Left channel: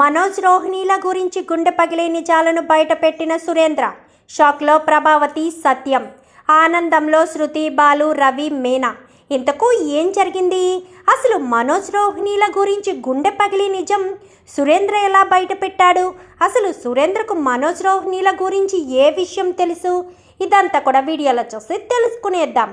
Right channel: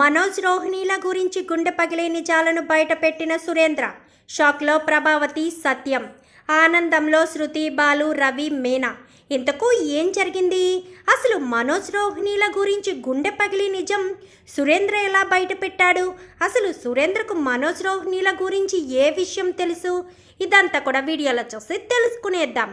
మనోజ్ రోహిణీల గురించి గుండె పగిలే నిజాలను బయటపెట్టిన సురేంద్ర. షాక్లో ప్రభావతి సత్యం. ఆనందంలో శృతి బాలు రవి మీనా. ఇంతకు ఏం జరిగింది? అసలు మనోజ్ రోహిణీల గురించి గుండె పగిలి నిజం సురేంద్ర ఎలా బయటపెట్టాడు? అసలు సురేంద్రకు మనోజ్ రోహిణీల గురించి ఏ విషయం తెలుసు? ఇదంతా కూడా వీడియోలో చూసి తెలుసుకునేద్దాం.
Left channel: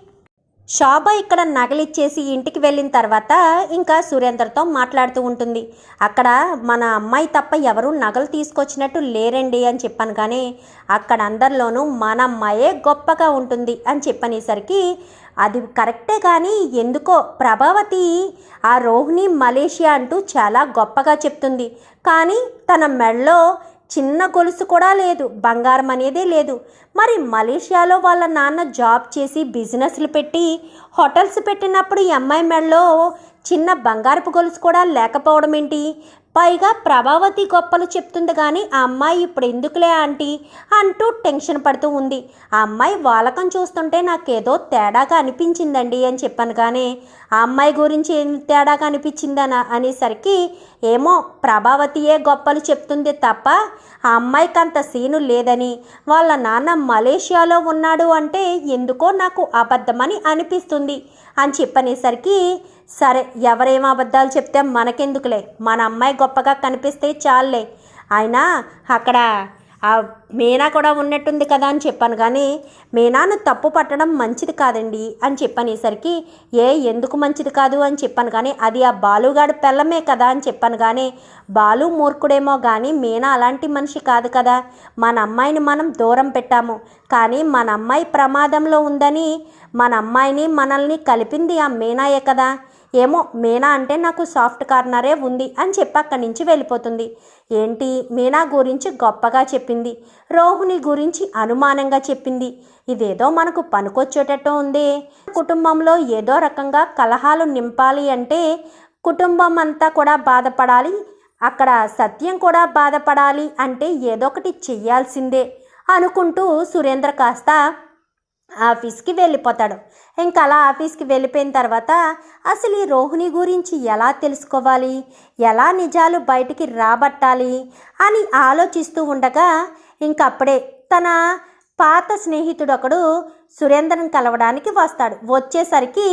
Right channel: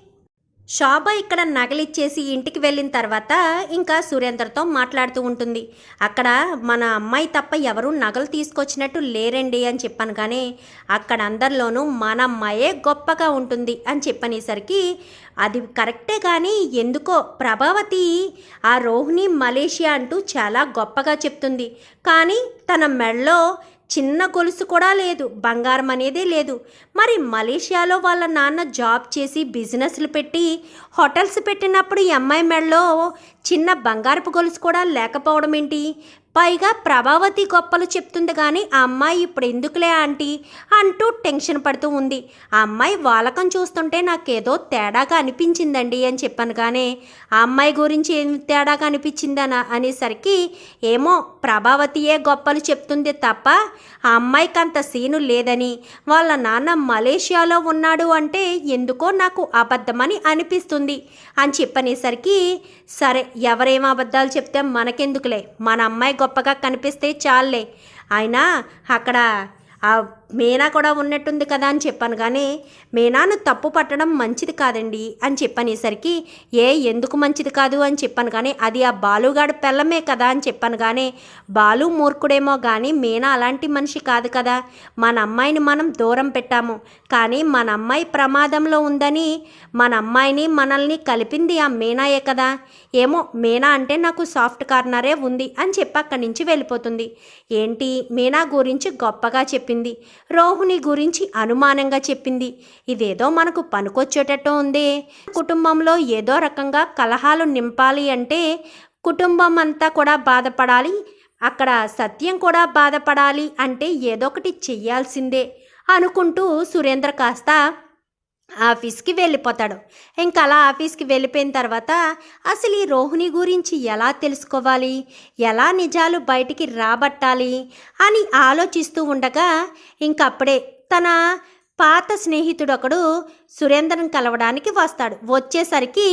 శోభ ఇక్కడ నగలిచ్చేసి ఇంటికి వెళ్ళిన తర్వాత ఇంకా సురేందర్తో మాట్లాడుతూ ఉంటుంది. అక్కడ మన అమ్మాయి తప్ప ఎవరూ నగలు తీసుకొచ్చినట్టు లేరండి అని చెప్పాను కానీ అక్కడ అందరిలోనూ మన అమ్మాయే గొప్పగా ఉంటుంది అని చెప్పనేసరికి అది కరెక్టే కానీ ఎందుకో ప్రభావతి ఆ రోహిణి మలేషియా అంటూ చాలా గొప్పగా చెప్తుంది. కానీ తన మెడలో చిన్న గొలుసు కూడా లేదు బంగారం అనేదే లేదు. మరి మలేషియాలో వాళ్ళ నాన్న జాబ్ చేసి బిజినెస్లు పెట్టి హోటల్స్ పెట్టినప్పుడు ఈ అమ్మాయి మెడలో చిన్న బంగారపు గొలుసు కూడా లేకపోవడం ఏంటి పైగా ప్రభావతి గొప్పలు చెప్తుంది కానీ ఆ అమ్మాయి ఇప్పుడు ఎందుకులే ఆంటీ అంటూ టెన్షన్ పడుతూ ఉంది. ఆ అమ్మాయి వాలకం చూస్తుంటే నాకేదో తేడాగా అనిపించిందండి అని చెప్పాను కానీ ఆ అమ్మాయి గురించి ఏం తేడాగా అనిపించిందని? అనేసరికి ఏమో ప్రభావతియే గొప్పలు చెప్తుంది తప్ప ఆ అమ్మాయికి అంత సీను లేదని వాళ్ళ నాన్న మలేషియాలో ఉన్నాడు అంటే ఎందుకో నాకు అబద్ధమని అనిపిస్తుంది అని చెప్పనేసరికి సరే ఎవరేం అబద్ధాలు చెప్తే మనకెందుకులే? మన అమ్మాయి గొప్పగా కనిపిస్తే చాలులే. అయినా అక్కడ ఆ మీనా కూడా ఉన్నట్టుంది కదా అని చెప్పాను. కానీ మీనాను తప్పు పట్టడం మంచిది కాదండి అని చెప్పనేసరికి ఏ ఎందుకు మంచిది కాదు అని చెప్పాను. కానీ అది ఆ బాలుగాడు పెళ్ళమే కదా అని చెప్పాను. కానీ బాలు మూర్ఖుడేమో కానీ మీనా అలాంటి మనిషి కాదు కదా. మన అమ్మాయిని మనం దూరం పెట్టాము. కానీ మన అమ్మాయి ప్రమాదంలో ఉందని మన అమ్మాయిని మనల్ని కలిపింది ఆ మీనాయే కదా. ఏమో మీనా అంటే నాకు సాఫ్ట్ కార్నరే ఉంది అని చెప్పి అక్కడి నుంచి వెళ్ళిపోతుంది. ఏంటి? మీనా గురించి గొప్పగా చెప్పింది. రోహిణి గురించి అనుమానంగా చెప్పింది. ఇదేదో మనకు పనికొచ్చేటట్టు ఉంది. కుటుంబంలో ఏదో రకంగా కలహాలు నింపాలి అంటే కుటుంబం అంతా కూడా బాధపడాలి. అక్కడ సత్యం కూడా బాధపడాలి అంటే ఏదో ఒకటి చెయ్యాల్సిందే అనుకుంటూ సురేంద్ర కాస్త ఆఫీస్కి వెళ్ళిపోతాడు. ఇంకా అలా ఆఫీస్కి వెళ్ళిపోయిన తర్వాత అసలు ఈ రోహిణి గురించి ఎలా తెలుసుకోవాలి? ఎలా నిజాలు బయటికి రాబట్టాలి? అని ఆలోచిస్తూ ఉండగా ఇంకప్పుడే తన పాత స్నేహితుడు ఒకడు సురేంద్రన్ కలవడానికి వస్తాడు. వచ్చేసరికి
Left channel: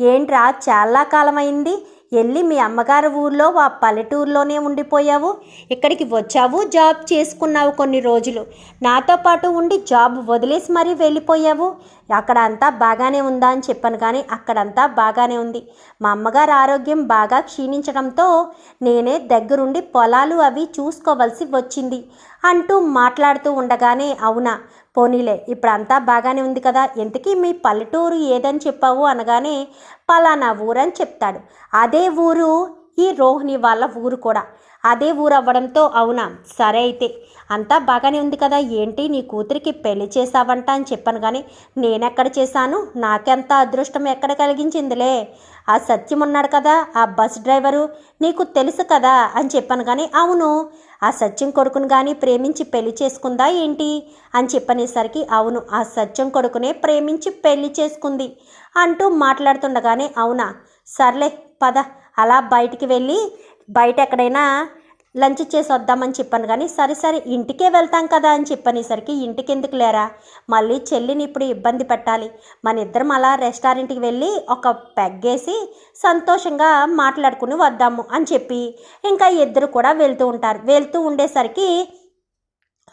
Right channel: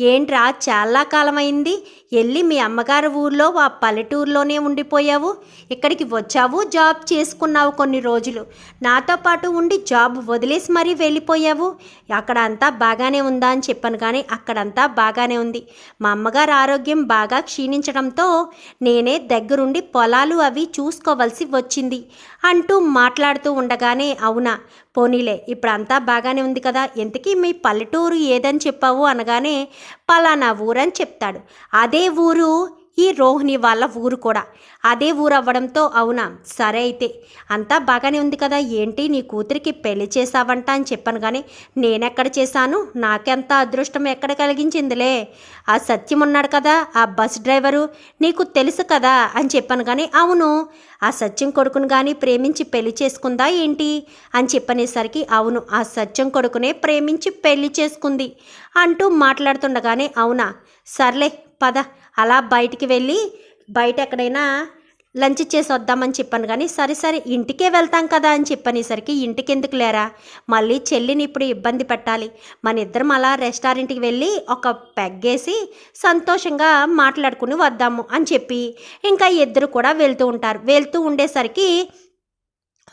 ఏంట్రా చాలా కాలమైంది. వెళ్ళి మీ అమ్మగారి ఊర్లో ఆ పల్లెటూరులోనే ఉండిపోయావు. ఇక్కడికి వచ్చావు జాబ్ చేసుకున్నావు కొన్ని రోజులు. నాతో పాటు ఉండి జాబ్ వదిలేసి మరీ వెళ్ళిపోయావు. అక్కడ అంతా బాగానే ఉందా? అని చెప్పాను కానీ అక్కడంతా బాగానే ఉంది. మా అమ్మగారు ఆరోగ్యం బాగా క్షీణించడంతో నేనే దగ్గరుండి పొలాలు అవి చూసుకోవలసి వచ్చింది అంటూ మాట్లాడుతూ ఉండగానే అవునా పోనీలే ఇప్పుడు అంతా బాగానే ఉంది కదా ఎంతకీ మీ పల్లెటూరు ఏదని చెప్పావు అనగానే పలానా ఊరని చెప్తాడు. అదే ఊరు ఈ రోహిణి వాళ్ళ ఊరు కూడా. అదే ఊరు అవ్వడంతో అవునా? సరే అయితే. అంతా బాగానే ఉంది కదా. ఏంటి? నీ కూతురికి పెళ్ళి చేశావంట అని చెప్పాను కానీ నేనెక్కడ చేశాను? నాకెంత అదృష్టం ఎక్కడ కలిగించిందిలే? ఆ సత్యం ఉన్నాడు కదా ఆ బస్ డ్రైవరు? నీకు తెలుసు కదా అని చెప్పాను కానీ అవును. ఆ సత్యం కొడుకును కానీ ప్రేమించి పెళ్ళి చేసుకుందా ఏంటి? అని చెప్పనేసరికి అవును ఆ సత్యం కొడుకునే ప్రేమించి పెళ్ళి చేసుకుంది అంటూ మాట్లాడుతుండగానే అవునా? సర్లే పద. అలా బయటికి వెళ్ళి బయట ఎక్కడైనా లంచ్ చేసి వద్దామని చెప్పాను కానీ సరే సరే ఇంటికే వెళ్తాం కదా అని చెప్పనేసరికి ఇంటికి ఎందుకు లేరా? మళ్ళీ చెల్లిని ఇప్పుడు ఇబ్బంది పెట్టాలి. మన ఇద్దరం అలా రెస్టారెంట్కి వెళ్ళి ఒక పెగ్గేసి సంతోషంగా మాట్లాడుకుని వద్దాము అని చెప్పి ఇంకా ఇద్దరు కూడా వెళ్తూ ఉంటారు. వెళ్తూ ఉండేసరికి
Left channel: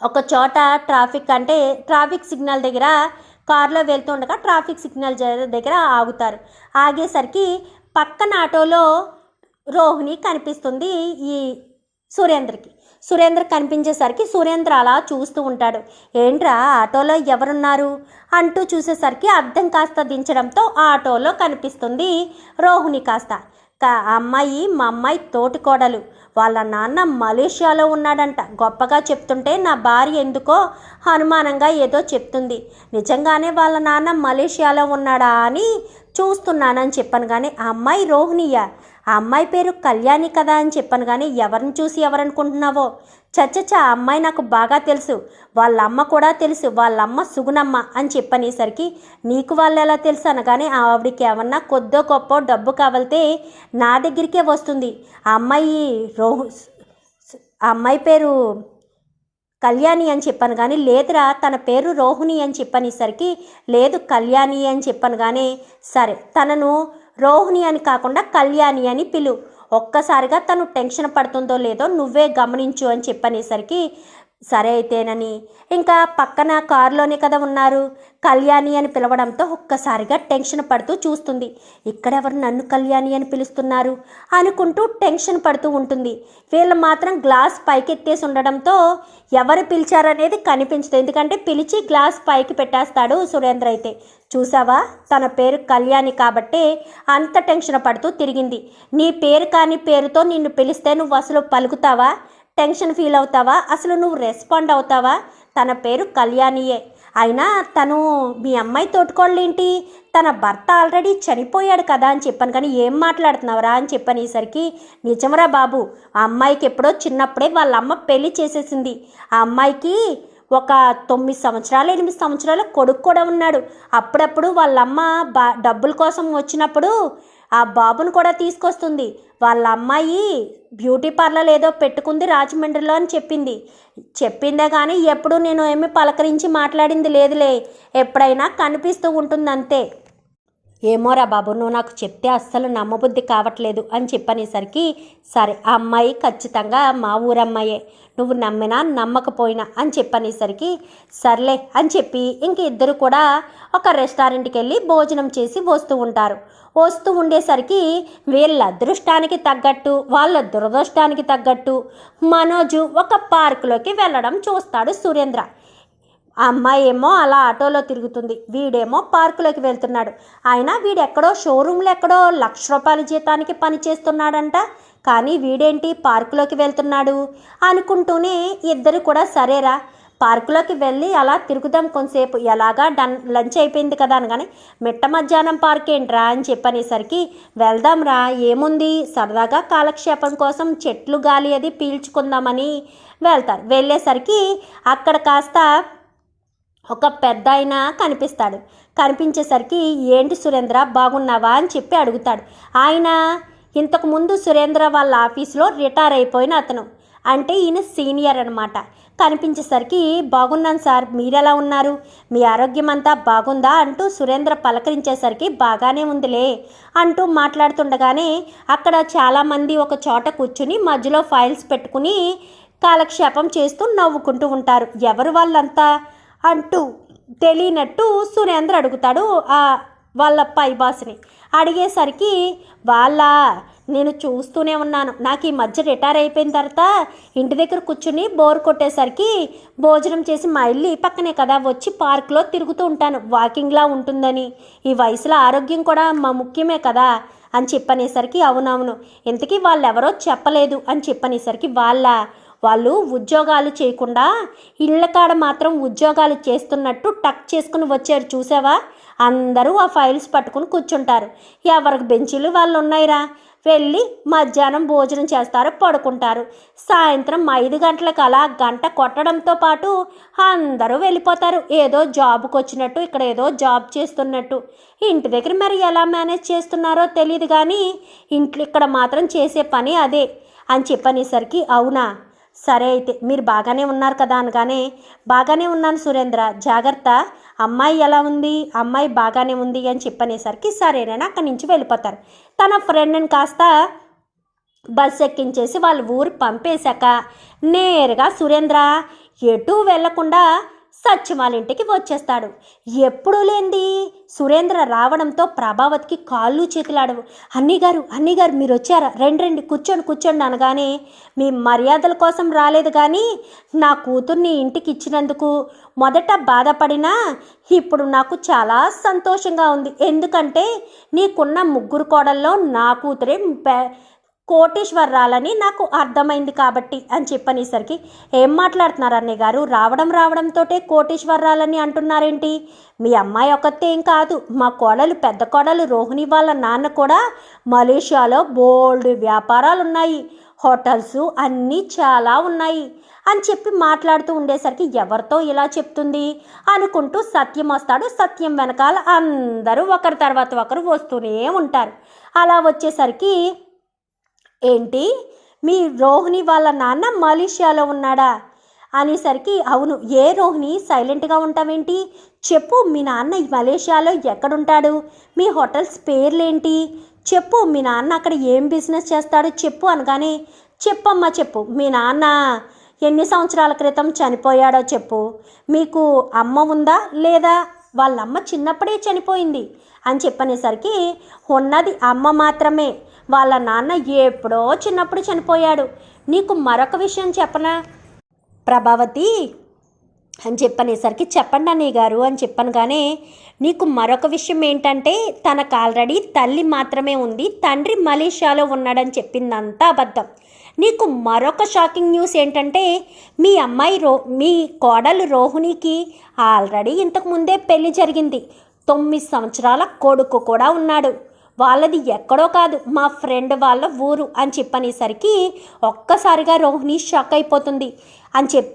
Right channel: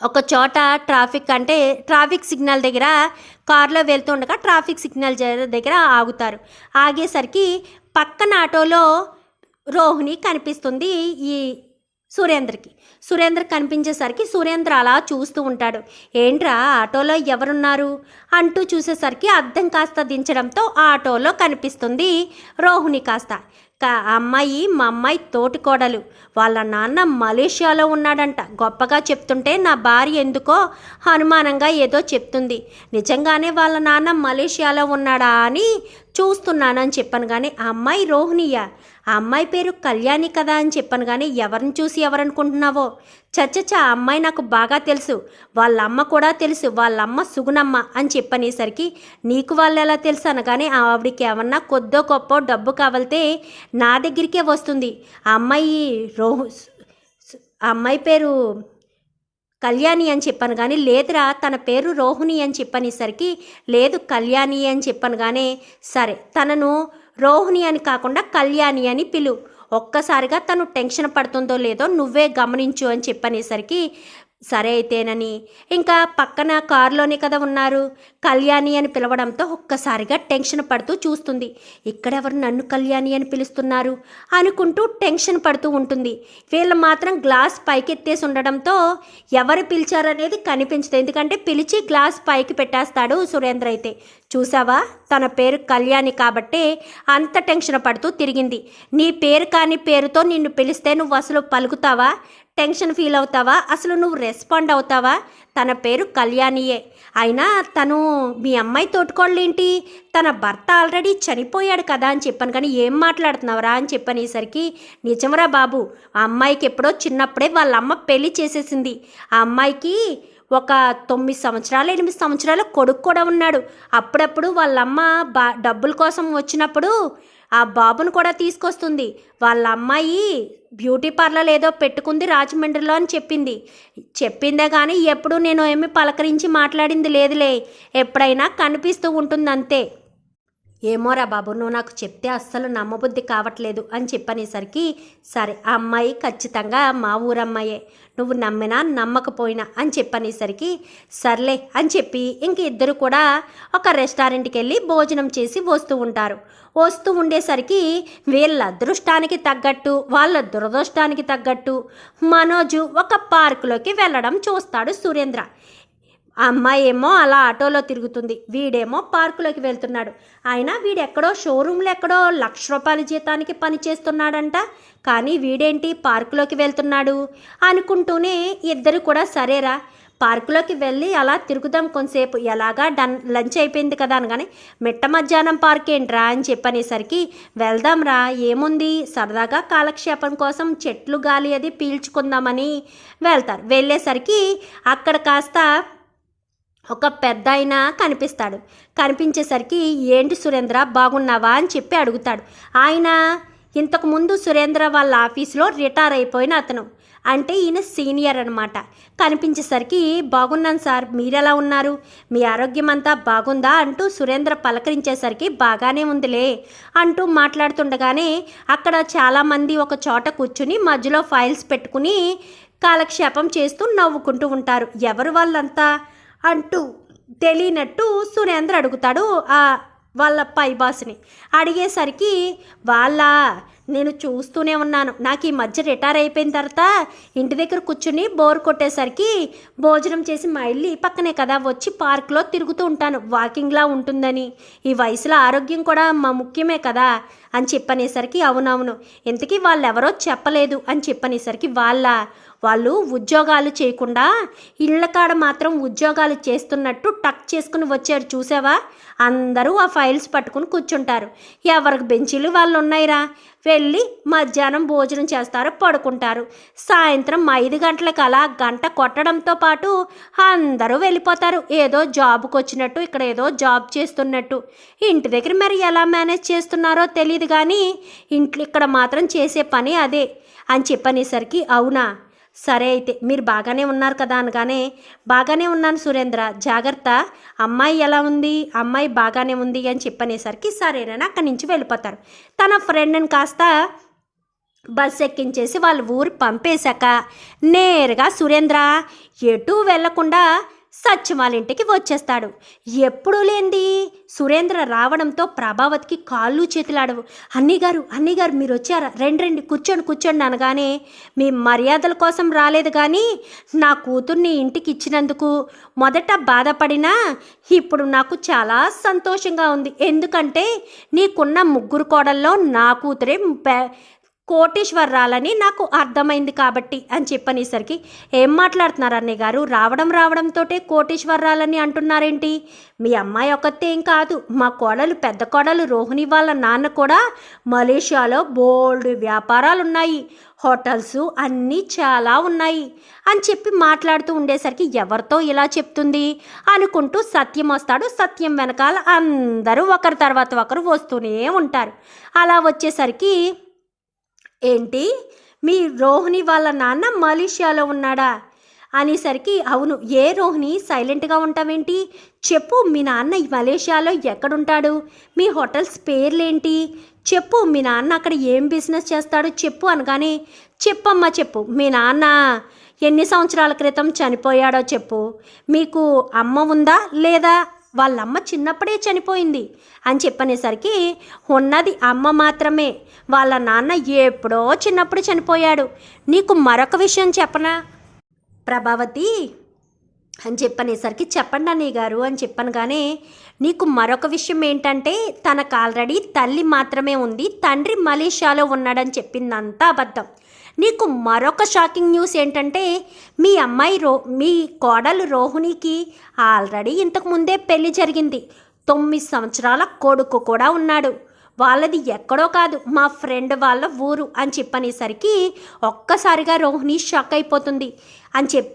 ఒక చోట ట్రాఫిక్ అంటే ట్రాఫిక్ సిగ్నల్ దగ్గర కారులో వెళ్తూ ఉండగా ట్రాఫిక్ సిగ్నల్ దగ్గర ఆగుతారు. ఆగేసరికి పక్కన ఆటోలో రోహిణి కనిపిస్తుంది ఈ సురేంద్రకి. సురేంద్ర కనిపించేసరికి సురేంద్ర అలా చూస్తూ ఉంటాడు. ఏంట్రా ఆటోలో ఎవరున్నారు? అంటూ చూసేసరికి అద్దం కాస్త దించడంతో ఆ ఆటోలో కనిపిస్తుంది రోహిణి కాస్త. అమ్మాయి మా అమ్మాయి తోటి కోడలు. వాళ్ళ నాన్న మలేషియాలో ఉన్నాడంట. గొప్పగా చెప్తుంటే నా భార్య ఎందుకో అనుమానంగా ఏదో చెప్తుంది. నిజంగానే వాళ్ళ నాన్న మలేషియాలో ఉన్నాడా అని చూస్తున్నానని చెప్పాను కానీ ఆ అమ్మాయి రోహిణియ? ఆ అమ్మాయి పేరు కళ్యాణి కదా అని చెప్పాను కానీ ఎవరిని చూసి ఎవరనుకుంటున్నావో? చచ్చచ్చ ఆ అమ్మాయి నాకు బాగా తెలుసు. వాళ్ళ అమ్మ కూడా తెలుసు. వాళ్ళ అమ్మ సుగుణమ్మ అని చెప్పనేసరికి నీకు వాళ్ళు ఎలా తెలుసు అనగానే ఆవిడకి ఏమన్నా కొద్దో గొప్ప డబ్బు కావాలితే నా దగ్గరికే వస్తుంది. ఆ అమ్మాయి రోహు ఆ అమ్మాయి పేరు కళ్యాణి అని చెప్పాను కానీ లేదురా తన పేరు రోహిణి అని చెప్పనేసరికి లేదు కళ్యాణి అని చెప్పాను కానీ సరే తనను రోహిణి అని కాకుండా కళ్యాణి అని పిలు. ఒక్కసారిగా తను టెన్షన్ పడుతుందో లేదో నువ్వే గమనించు అని చెప్పనేసరికి సరే అయితేనని. ఇంకా పక్కన కారులోనే కదా ఉన్నారు. కళ్యాణి అని పిలవడంతో ఒక్కసారిగా టెన్షన్ పడుతూ చూస్తుంది. ఇక్కడెవరు నన్ను కళ్యాణి అని పిలుస్తున్నారు? అనుకుంటూ టెన్షన్ పడుతూ ఉంటుంది. వీళ్ళు మాత్రం గ్లాస్ పైకెత్తేసి ఉండడంతో ఎవరు పిలిచారనేది కనిపించదు. ఎందుకంటే పిలిచి గ్లాస్ పైకి పెట్టేస్తాడు సురేంద్ర అయితే. చూసావా తన పేరు కళ్యాణి కాబట్టే అంత టెన్షన్ పడుతూ తిరిగింది. నీ పేరు కాని పేరుతో నిన్ను పిలిస్తే నువ్వు అసలు పలుకుతావా? టెన్షన్ ఫీల్ అవుతావా? అసలు నువ్వు రెస్పాండ్ అవుతావా? తన పేరు కళ్యాణియే. అయినా తను మీ అమ్మాయి తోటుకోళ్ళేంటి? తన భర్త ఆల్రెడీ చనిపోయాడు కదా అని చెప్పాను కానీ ఏం మాట్లాడుతున్నావురా అని చెప్పనేసరికి నిజమరా బాబు ఆ అమ్మాయికి ఎప్పుడో చిన్నప్పుడే వాళ్ళ అమ్మ పెళ్ళి చేసేసింది. ఆ అమ్మాయికి ఒక తొమ్మిది సంవత్సరాలు ఎనిమిది సంవత్సరాలు కొడుకు కూడా ఉన్నాడు. అప్పుడప్పుడు వాళ్ళమ్మ బా డబ్బుల కోసం వచ్చినప్పుడు ఆ బాబును కూడా తీసుకొస్తుంది. వాళ్ళ అమ్మాయి బ్యూటీ పార్లర్ ఏదో పెట్టుకుంది రాజమండ్రిలో అని చెప్పింది. చెప్పిందే కానీ ఎప్పుడు నేను ఏమి పలకరించి మాట్లాడింది లేదులే. ఎప్పుడైనా కనిపిస్తూ ఉంటుంది అంతే ఏమోరా బాబు నువ్వు నాకు చెప్తే అస్సలు నమ్మబుద్ధి కావట్లేదు అని చెప్పనేసరికి సరే ఆ అమ్మాయి ఖచ్చితంగా మా ఊరమ్మాయే. నువ్వు నమ్మినా నమ్మకపోయినా అని చెప్పనేసరికి సర్లే అని చెప్పి ఇంక ఇద్దరు కూడా ఒక రెస్టారెంట్కి వెళ్ళి భోజనం చేసి వస్తూ ఉంటారు. వస్తూ ఉండేసరికి వీళ్ళ అదృష్టానికి తగ్గట్టు వాళ్ళ దురదృష్టానికి తగ్గట్టు మనోజు ఒక పార్కులోకి వెళ్ళడం చూస్తాడు సురేంద్ర. అమ్మాయి ఏమో అలా ఆటోలో తిరుగుతుంది వీడేమో పార్కులోకి వెళ్తున్నాడు. అయినా వీడెక్కడో షోరూంలో ఎక్కడో లక్ష రూపాయల జీతానికి పని చేస్తున్నాడంట. కానీ వీడేంటి పార్కులోకి వెళ్తున్నాడు అనుకుంటూనే ఇద్దరు కూడా సరేరా పార్కులోకి వెళ్ళి అలా తిరుగుదాం కొంతసేపు. ఎలాగా? డన్ లంచ్ అయిపోయింది కదా అనగానే మిట్ట మధ్యాహ్నం పార్క్ ఏంట్రా అని చెప్పనేసరికి వెళ్దాంరా ఏముంది? సరదాగా కాలక్షేపం కోసం చెట్లు గాలి అది పీల్చుకుందామని వెళ్తారు. వెళ్ళేసరికి అక్కడ కాస్త ఒక పెద్ద ఆయన కనిపిస్తాడు. కనిపించేసరికి ఏంటి సురేంద్ర బాగున్నావా? అని చెప్పి అడుగుతాడు. ఆయన ఇంతకుముందు సురేంద్ర వాళ్ళ ఆఫీస్లో రిటైర్ అయిపోయిన అతను. అంటే ఈయన సీనియర్ అనమాట కనిపించేసరికి బాగున్నాను సార్ మీరెలా ఉన్నారు? మీ ఆరోగ్యం అంతా బాగుందా? అంటూ సురేంద్ర పలకరించేసరికి బాగానే ఉందిలే అంటూ మాట్లాడుతుండగానే అక్కడ చాలామంది ఒక చోట కూర్చుని మధ్యలో ఫైల్స్ పెట్టుకుని కాలక్షేపం చేస్తూ నవ్వుకుంటూ ఉంటారు. ఎవరు వాళ్ళంతా? అంటూ తెలియనట్టు సురేంద్ర అడుగుతాడు ఆ వాళ్ళ పై బాస్ని. అడిగేసరికి వాళ్ళ? నేను చూస్తూనే ఉన్నాను. నాకు ఈ మధ్య రిటైర్ అయిపోయిన తర్వాత ఇంటి దగ్గర కూర్చుని బోర్ కొట్టేసరికి భోజనం చేసి మా ఇల్లు ఈ పక్కనే కదా వచ్చి పార్క్లో తిరుగుతూ ఉంటాను. వాకింగ్లా ఉంటుందని. ఈ వయసులో ఆరోగ్యం కూడా మా ముఖ్యమే కదా అని చెప్పనేసరికి అవునవును. ఇంతకీ వాళ్ళు ఎవరో చెప్పలేదు అని చెప్పనేసరికి వాళ్ళ వాళ్ళు ఉద్యోగాలు చేయకుండా ఇళ్ళ కాడ మాత్రం ఉద్యోగాలు చేస్తున్నట్టు టక్ చేసుకుని వచ్చారు. చూసావా? అందరూ ఆ ఫైల్స్ పట్టుకుని కూర్చుంటారు. ఎవరికి బెంచీలు వాళ్ళు ఉన్నాయిరా వెళ్ళి మధ్యాహ్నం భోజనం చేస్తారు పడుకుంటారు. సాయంత్రం ఐదు గంటలకు అలా గంట కొట్టడంతో పాటు అందరూ వెళ్ళిపోతారు. ఏదో జాబ్కి వచ్చినట్టు ఇక్కడ ఏదో జాబ్ చేస్తున్నట్టు. ఇంటి దగ్గర మరి ఎలా మేనేజ్ చేస్తున్నారో తెలియదు కానీ ఇంట్లో ఇక్కడ మాత్రం చేసే పని అదే అని చెప్పనేసరికి అవునా? సరే అయితే మీరు బాగానే ఉన్నారు కదా అనగానే బాగానే ఉన్నాను సురేంద్ర జాగ్రత్త. అమ్మాయి ఎలా ఉంది? అమ్మాయి బాగానే ఉంది అని చెప్పనేసరికి సరేనని అక్కడి నుంచి వెళ్ళిపోతారు. తన ఫ్రెండ్ని కాస్త బస్ ఎక్కించేసి వాళ్ళ ఊరు పంపేశాక నేరుగా సురేంద్ర ఎటు వెళ్ళకుండా సత్యమాలింటికి వచ్చేస్తాడు. ఎప్పుడూ లేంది సురేంద్ర రావడంతో ప్రభావతికి కాళ్ళు చేతులాడవు. అన్నీగారు అన్నీగారు మీరు వచ్చారా? రండి రండి కూర్చోండి కూర్చోండి అనగానే మీ మర్యాదల కోసం రాలేదు కానీ నా కూతుర్ని ఇంటికి ఇచ్చినందుకు మొదట బాధపడినా ఇప్పుడు నాకు చాలా సంతోషంగా ఉంది. ఎందుకంటే నీకున్న ముగ్గురు కోడల్లో నా కూతురే కోటేశ్వరరాలని నాకు అర్థమైంది కాబట్టి అని చెప్పనేసరికి ఏం మాట్లాడుతున్నారు అన్నయ్య గారు? రావడం రావడంతోటే కోటేశ్వరరాలని అంటున్నారేంటి? మీ అమ్మాయి ఒక్కతే ఏం కాదు. మా కోడలు పెద్ద కోడలు రోహిణి వాళ్ళ నాన్న కూడా మలేషియాలో బోల్డ్ వ్యాపారాలు ఉన్నాయి హోటల్స్ అన్నీ చాలా ఉన్నాయి అని చెప్పి మాట్లాడుతూ ఉండేసరికి ఎవరితో ఇలా చెప్తుంది? అనుకుంటూ సత్యం వస్తాడు. సత్యం వెనకాల అందరూ ఒకరి తర్వాత ఒకరు వస్తూనే ఉంటారు. అలా వచ్చేసరికి ఏంటి? మీ రోహిణి వాళ్ళ నాన్న మలేషియాలో ఉన్నాడా? అనేసరికి అవును ఏ రోహిణి? సైలెంట్గా ఉంటావేంటి? చెప్పు మీ నాన్న ఈ మలేషియాలో ఎక్కడుంటాడు? మీ హోటల్స్ పేర్లేంటి? చెప్పు మీ నాన్న అక్కడ ఏం బిజినెస్ చేస్తాడో? చెప్పు అనగానే చెప్పమ్మా చెప్పు మీ నాన్న ఎన్ని సంవత్సరాల క్రితం చనిపోయాడో చెప్పు. మీకు అమ్మ ఉందా లేదా? వాళ్ళ అమ్మ చిన్నప్పుడే చనిపోయింది అని చెప్పనేసరికి ఉన్నది అమ్మ మాత్రమే. వాళ్ళ నాన్న ఎప్పుడో చిన్నప్పుడు చనిపోయాడు. నీకు మరొక విషయం చెప్పనా? ప్రభావతి అని చెప్పనేసరికి చెప్పండి అన్నయ్య గారు అని చెప్పనగానే నీకు మరొక విషయం ఏంటంటే తనకు ఆల్రెడీ తల్లి మాత్రమే ఉంది తండ్రి మలేషియాలో ఉన్నాడని చెప్పిందంతా అబద్ధం. నీకు మరొక షాకింగ్ న్యూస్ ఏంటంటే మీ అమ్మాయి రో మీ కోడలు రోహిణికి ఆల్రెడీ ఇంతకుముందే పెళ్ళి జరిగింది. తొమ్మిది సంవత్సరాల కొడుకు కూడా ఉన్నాడు. వాళ్ళది ఎక్కడో కాదు మా ఫ్రెండ్ వాళ్ళ ఊరు అని చెప్పనేసరికి ఒక్కసారిగా రోహిణి షాక్ అయిపోతుంది. అని చెప్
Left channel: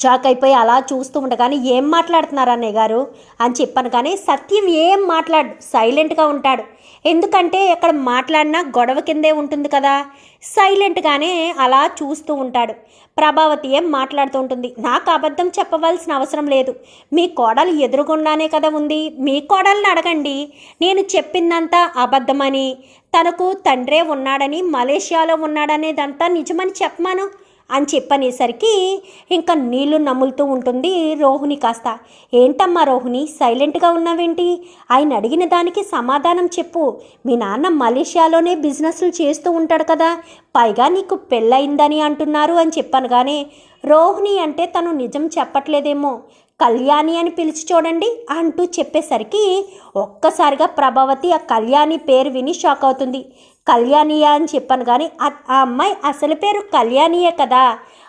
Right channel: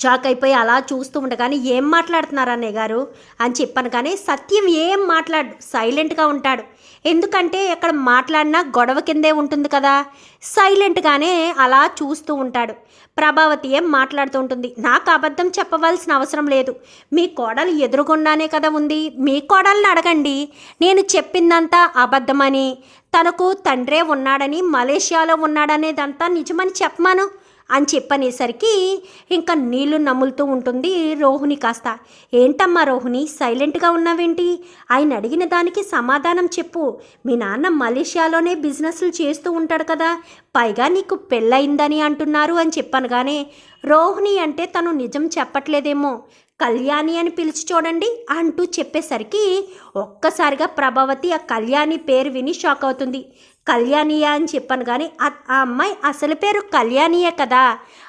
షాక్ అయిపోయి అలా చూస్తూ ఉండగానే ఏం మాట్లాడుతున్నారు అన్నయ్య గారు? అని చెప్పాను కానీ సత్యం ఏం మాట్లాడు సైలెంట్గా ఉంటాడు. ఎందుకంటే ఎక్కడ మాట్లాడినా గొడవ కిందే ఉంటుంది కదా. సైలెంట్గానే అలా చూస్తూ ఉంటాడు. ప్రభావతి ఏం మాట్లాడుతూ ఉంటుంది. నాకు అబద్ధం చెప్పవలసిన అవసరం లేదు. మీ కోడలు ఎదురుగుండానే కదా ఉంది. మీ కోడల్ని అడగండి. నేను చెప్పిందంతా అబద్ధమని. తనకు తండ్రే ఉన్నాడని మలేషియాలో ఉన్నాడనేదంతా నిజమని చెప్పమాను. అని చెప్పనేసరికి ఇంకా నీళ్ళు నములుతూ ఉంటుంది రోహిణి కాస్త. ఏంటమ్మా రోహిణి సైలెంట్గా ఉన్నావేంటి? ఆయన అడిగిన దానికి సమాధానం చెప్పు. మీ నాన్న మలేషియాలోనే బిజినెస్లు చేస్తూ ఉంటాడు కదా. పైగా నీకు పెళ్ళయిందని అంటున్నారు అని చెప్పనగానే రోహిణి అంటే తను నిజం చెప్పట్లేదేమో. కళ్యాణి అని పిలిచి చూడండి అంటూ చెప్పేసరికి ఒక్కసారిగా ప్రభావతి ఆ కళ్యాణి పేరు విని షాక్ అవుతుంది. కళ్యాణియా అని చెప్పాను కానీ ఆ అమ్మాయి అసలు పేరు కళ్యాణియే కదా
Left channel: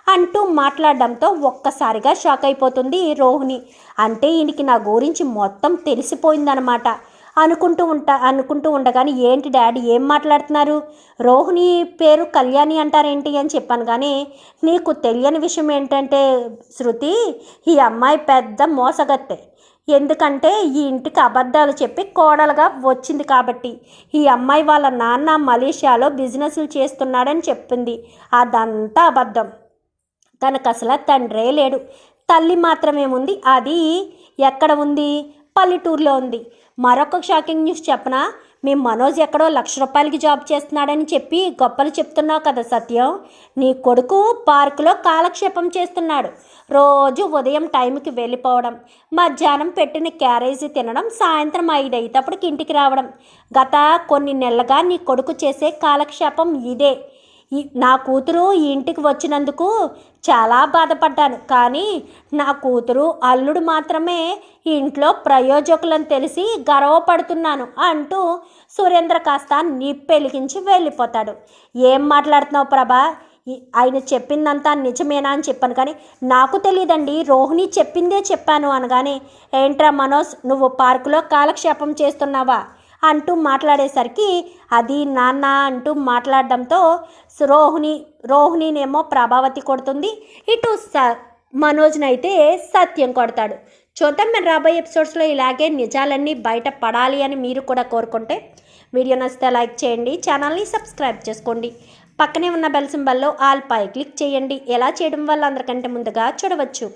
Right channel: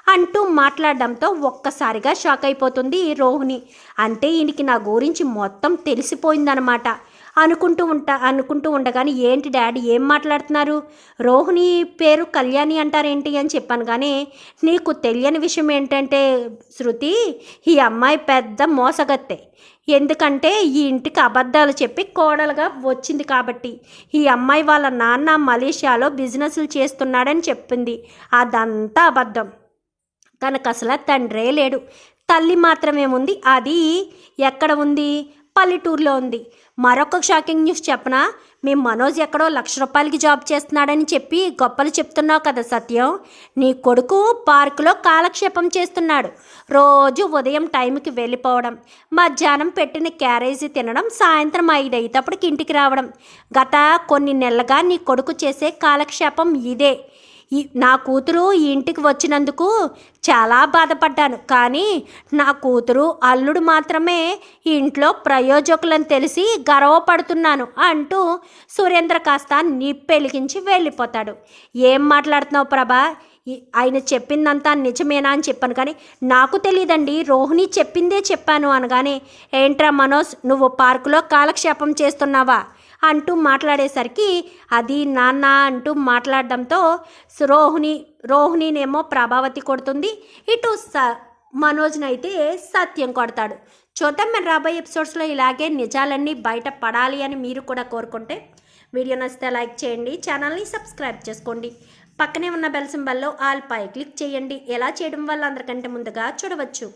అంటూ మాట్లాడడంతో ఒక్కసారిగా షాక్ అయిపోతుంది రోహిణి. అంటే ఈయనకి నా గురించి మొత్తం తెలిసిపోయిందనమాట. అనుకుంటూ ఉంటా అనుకుంటూ ఉండగానే ఏంటి డాడీ ఏం మాట్లాడుతున్నారు? రోహిణి పేరు కళ్యాణి అంటారేంటి అని చెప్పాను కానీ నీకు తెలియని విషయం ఏంటంటే శృతి ఈ అమ్మాయి పెద్ద మోసగత్తె. ఎందుకంటే ఈ ఇంటికి అబద్ధాలు చెప్పి కోడలుగా వచ్చింది కాబట్టి. ఈ అమ్మాయి వాళ్ళ నాన్న మలేషియాలో బిజినెస్లు చేస్తున్నాడని చెప్పింది. అదంతా అబద్ధం. తనకు అసలు తండ్రే లేడు. తల్లి మాత్రమే ఉంది. అది ఎక్కడ ఉంది? పల్లెటూరులో ఉంది. మరొక షాకింగ్ న్యూస్ చెప్పనా? మీ మనోజ్ ఎక్కడో లక్ష రూపాయలకి జాబ్ చేస్తున్నాడని చెప్పి గొప్పలు చెప్తున్నావు కదా సత్యం. నీ కొడుకు పార్కులో కాలక్షేపం చేస్తున్నాడు. రోజు ఉదయం టైంకి వెళ్ళిపోవడం మధ్యాహ్నం పెట్టిన క్యారేజీ తినడం సాయంత్రం ఐదు అయ్యేటప్పటికి ఇంటికి రావడం. గత కొన్ని నెలలుగా నీ కొడుకు చేసే కాలక్షేపం ఇదే. నా కూతురు ఈ ఇంటికి వచ్చినందుకు చాలా బాధపడ్డాను. కానీ నా కూతురు అల్లుడు మాత్రమే ఇంట్లో ప్రయోజకులను తెలిసి గర్వపడుతున్నాను అంటూ సురేంద్ర కాస్త నిప్పెలిగించి వెళ్ళిపోతాడు. ఏం మాట్లాడుతున్నావు ప్రభా? ఆయన చెప్పిందంతా నిజమేనా అని చెప్పాను కానీ నాకు తెలియదండి. రోహిణి చెప్పిందే చెప్పాను అనగానే ఏంట్రా మనోజ్ నువ్వు పార్కులో కాలక్షేపం చేస్తున్నావా? అంటూ మాట్లాడేసరికి అది నాన్న అంటూ మాట్లాడడంతో రోహిణి రోహిణినేమో ప్రభావతి కొడుతుంది. ఇటు స మనోజ్నైతే సత్యం కొడతాడు. చూద్దాం మరి రాబోయే ఎపిసోడ్స్లో ఇలాగే నిజాలన్నీ బయట పడాలి అని మీరు కూడా కోరుకుంటే వీడియో నచ్చితే లైక్ చేయండి ఛానల్ని సబ్స్క్రైబ్ చేసుకోండి. పక్కనే ఉన్న బెల్ సింబల్లో ఆల్ పై క్లిక్ చేయండి. ఎలా చేయడం వల్ల అందరికంటే ముందుగా చూడవచ్చు.